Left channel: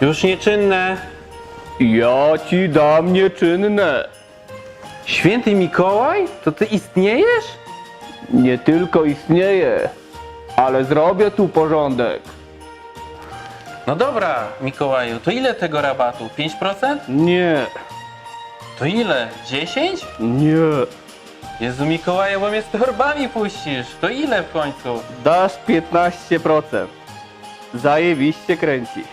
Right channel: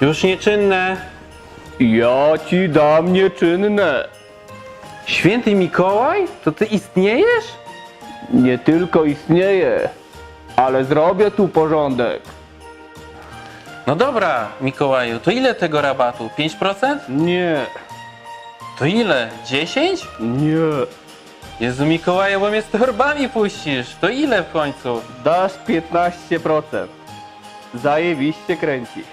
Już nieczynne. Ja ci dam nieczynne. Święty Mikołaj? To ty istniejesz? Nie tylko istnieje, ale zrobię tu porządek. No dobra, Mikołaju, to ile tego rabatu? 5%? Nie, To ile? 10? nie. Jezu Mikołaju, bo mnie z torbami puścisz. To ile w końcu? Dasz 15%. Zajebiście kręci.